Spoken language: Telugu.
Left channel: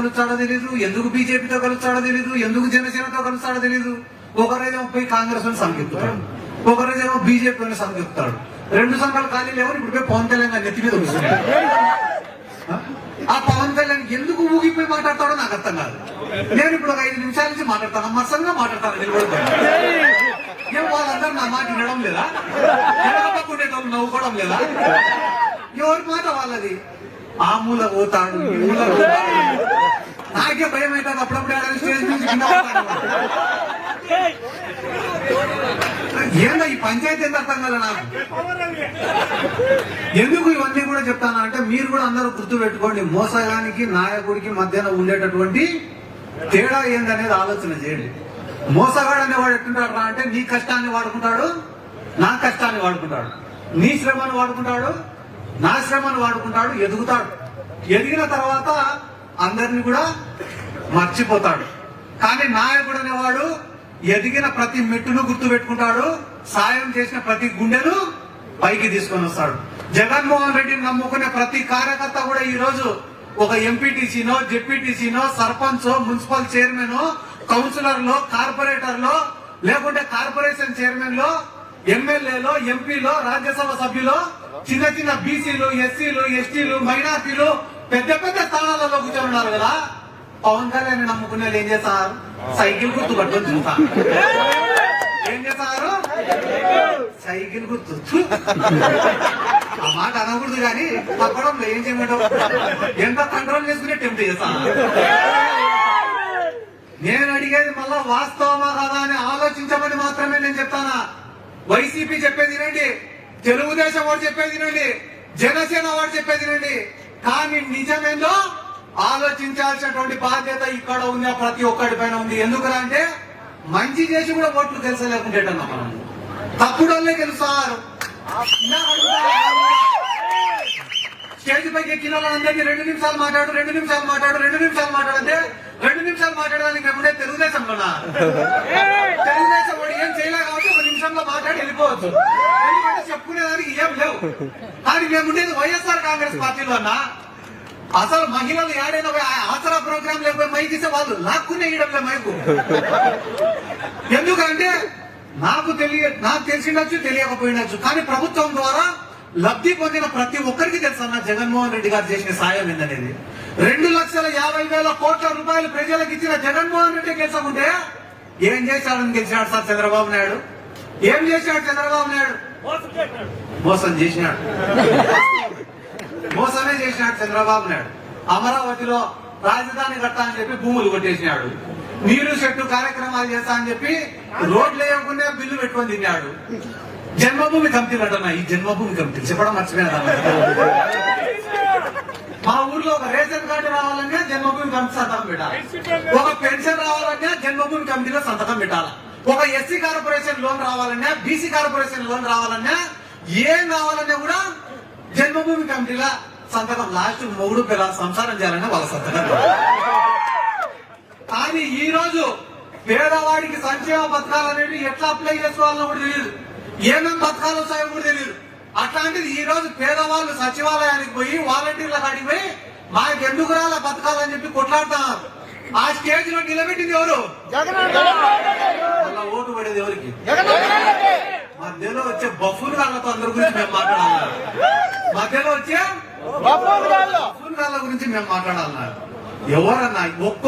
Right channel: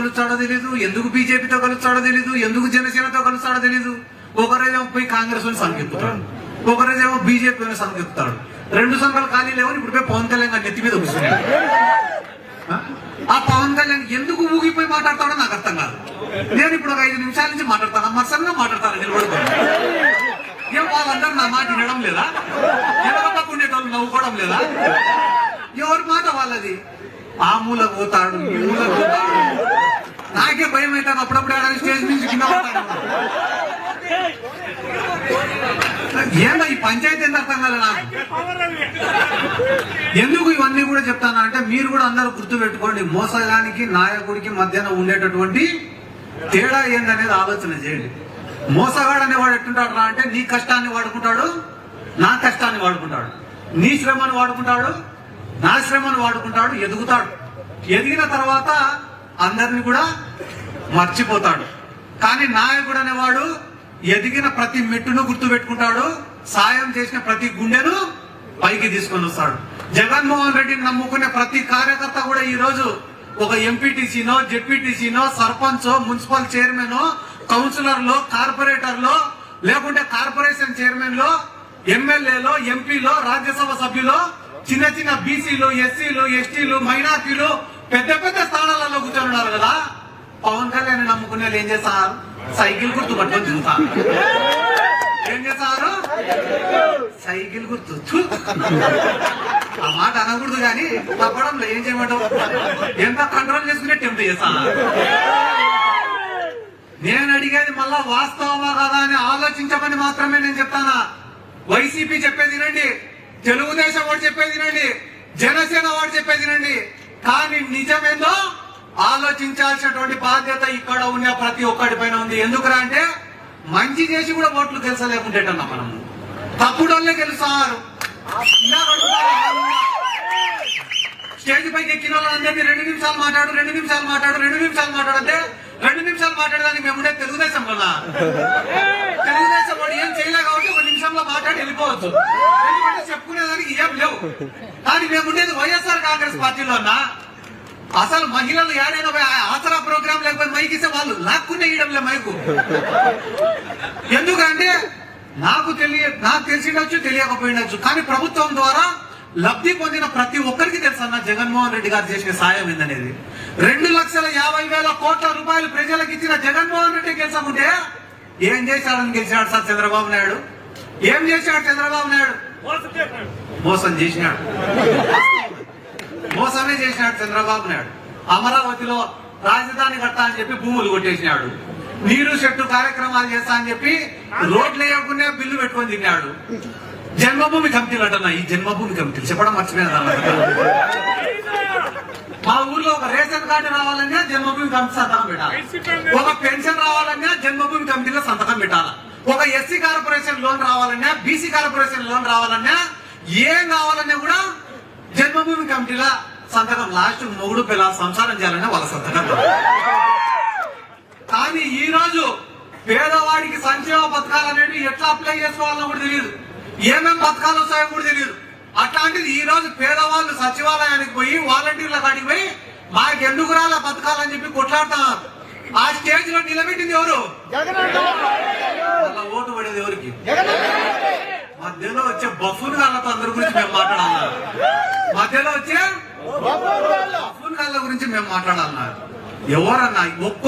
కలుస్తాడో తెలీదు, ఎందుకు బీజేపీతో కలుస్తాడో తెలీదు, ఎందుకు జనసేనతో కలుస్తాడో తెలీదు. ఒకరోజేమో పోయి కాంగ్రెస్ అని సంకెత్తుతాడు, ఒకరోజేమో బీజేపీ అని సంకెత్తుతాడు. 2 సంఘాలు ఖాళీ లేవు, ఇప్పుడు పోయి పవన్ కళ్యాణ్ గారి నెత్తి మీద వస్తున్నాడు. ఆ పవన్ కళ్యాణ్ ఎందుకు ఊగిపోయి మాట్లాడతాడో నాకు అర్థం కాదు. నేను ఇప్పుడు ఒక 5 నిమిషాల నుంచి మాట్లాడతాను, మత్సరంగా మాట్లాడతాను. వాళ్ళందరూ నా మాట వినడం లేదా? ఎవరో పక్క ఉండేటోళ్ళు నవ్వుకోవడం లేదా? ఎవరి మాట వాళ్ళది. ఆ మూల పోతాడు, ఈ మూల పోతాడు. నాకే భయం అవుతాడు అప్పుడప్పుడు. ఏడాది స్టేజ్ నుంచి కింద పడతాడు. ఏందా ఈ పంచాయతీ ఎంత అర్థం కదా నాకు. ఎందుకు ఇవన్నీ కూడా చెప్తాను అంటే, మీరు కూడా అందరూ గుర్తు పెట్టుకోండి, మోసగానికి నాయకుడికి మధ్యన ఉండేటటువంటి తేడా ఏందనేది ఆలోచన చేయండి. మోసగాడు అనేవాడు ఎట్టుంటాడు రా అంటే, నీ కష్టాన్ని వాడుకుంటాడు, నా కష్టాన్ని వాడుకుంటాడు, నీ శ్రమను వాడుకుంటాడు, నా శ్రమను వాడుకుంటాడు, ఎదుగుతాడు. ఎదిగిన తర్వాత అందరినీ కూడా మర్చిపోతాడు. కానీ నాయకుడు అనేవాడు ఎదిగిన ప్రతి మెట్టును గుర్తు పెట్టుకుంటాడు, సాయం చేసిన ప్రతి గుండెను పైకి తీసుకొని వస్తాడు. జగన్మోహన్ రెడ్డిని నమ్ముకునే ప్రతి కార్యకర్త కూడా ఈ రోజు ఒక ఎంపీటీసీనో, జెడ్పీటీసీనో, సర్పంచో, మున్సిపల్ చైర్మన్, కౌన్సిలర్లో, కార్పొరేటర్లో, లేకుంటే కార్పొరేషన్ చైర్మన్ లో, ఎమ్మెల్యేలో, ఎంపీలో, రాజ్యసభ సభ్యులో, చిన్న చిన్న బీసీలు, ఎస్సీలు, ఎస్టీలు, మైనార్టీలు పెద్ద పెద్ద స్థానాలలో కూర్చొని కదా. పవన్ కళ్యాణ్ నమ్ముకునే ఏం చేస్తారు? సైకిల్ గుర్తు పట్టుకొని తిరుగుతారు. ఏం చేస్తారు? సైకిల్ గుర్తు. ఆ మాట అనకూడదు కానీ పక్కడంలో ఏం చేయమంటావు? ఎంత కంట్రోల్ చేసుకునే టెంప్ట్ చేస్తాను. నేను అడిగేది మళ్ళా వాస్తవమా కదా అని ఆలోచించమని మాత్రమే నేను చెప్తానా. వైసీపీ చెప్పేది రండి, తెలుగుదేశం వాడు చెప్పేది రండి, జనసేన వాడు చెప్పేది రండి. కానీ నిజమేందో ఆలోచించాల్సినటువంటి బాధ్యత ఇక్కడ ఉన్న ప్రతి ఒక్కడి పైన ఉంది. ఎందుకంటే మంచి చేసి కూడా ఓట్లు తెలుసలేకుంటేటన్నా మనం తప్పుడు వాళ్ళే గెలుస్తారు. స్టేజ్ పైకి ఎక్కిన వాళ్ళందరినీ 2 నిమిషాలు మాట్లాడు, 2 నిమిషాలు మాట్లాడు, 2 నిమిషాలు మాట్లాడంటే 2 నిమిషాలు మాట్లాడడానికి మేముండే తెలుగుదేశం వల్ల. తెలుగుదేశం వాడు ఏం చేయలే కాబట్టి 1 నిమిషంలో మాట్లాడి వెళ్ళిపోవచ్చు. ఎందుకంటే చెప్పుకునేదానికి ఏం లేవు. కానీ మేముండేది వైఎస్ఆర్ కాంగ్రెస్ పార్టీలో అన్నా. అసలు మహిళలు ఏడైనా ఆసరా ప్రోగ్రాం లేకపోయి మైక్ ఇస్తే వాళ్ళు లాక్కునే ఇవ్వడంలే మైకు. ఎందుకంటే నాకు తెలిసిండొచ్చు, తెలియకపోయినచ్చు, కానీ ప్రభుత్వం ద్వారా లబ్ధి పొందిన ప్రతి ఒక్కరికి తెలుసు అన్న జగన్మోహన్ రెడ్డి గారు చేసిన సాయం ఏందనేది. 2,50,000 కోట్ల రూపాయలు ప్రజలకు ఇచ్చిన జగన్మోహన్ రెడ్డి గెలిచకుంటే ఏం చేశాడని గెలిచాడు సార్ చంద్రబాబు నాయుడు? ఏం చేశాడు చంద్రబాబు నాయుడు? మోసం చేసినాడు, మోసమే చేసినాడు చంద్రబాబు నాయుడు. అమరావతిలో రాజధాని కడతా అని చెప్పి భూములు కొట్టేసినాడు. నీరు చెట్టు కార్యక్రమాలు చేస్తా అని చెప్పి రోడ్లు వేయకుండా బిల్లు పెట్టుకొని తిన్నాడు. జన్మభూమి కమిటీలు అంటున్నా, ఈ జన్మభూమి కమిటీలు చెప్పడం మర్చిపోయినా. మా ఊర్లో ఒక రేషన్ కార్డు రావాలన్నా జన్మభూమి కమిటీ సంతకం పెట్టాలి, ఒక పెన్షన్ రావాలన్నా జన్మభూమి కమిటీలో సంతకం పెట్టాలా, ఒక ఎస్సీ కార్పొరేషన్ లోన్ రావాలన్నా, బీసీ కార్పొరేషన్ లోన్ రావాలన్నా, ఏం కావాలన్నా కూడా జన్మభూమి కమిటీలో సంతకం. లాస్ట్ మొగుడు పిల్లల సంసారం చేయాలన్నా వాళ్ళ సంతకం. కానీ ఈ రోజు పేదవాడికి సంక్షేమ పథకాలు అనేవి ఎట్లా అప్లై చేసుకోవాలో కూడా తెలియదు, ఏమేమి పథకాలు వస్తాయో కూడా తెలియదు. అట్లాంటిది ఈ రోజు పేదవాళ్ళు సచివాలయానికి పోయి వాలంటీర్ల కాడికి పోయి మాకు ఎందుకు రాలే పథకాలు అని చెప్పి కొట్లాడుతున్నారు. ఆ స్టేజ్ లో నిలబెట్టింది ఎవరు? అలా ఓటు పడేది ఎవరికి? మధ్యలో వచ్చే బఫూన్ గాళ్ళతో అందరి గురించి మేము మాట్లాడాలన్నారు. మధ్యలో వచ్చే బఫూన్ గాళ్ళ గురించి మేము మాట్లాడాలన్నారు. ఎవరన్నా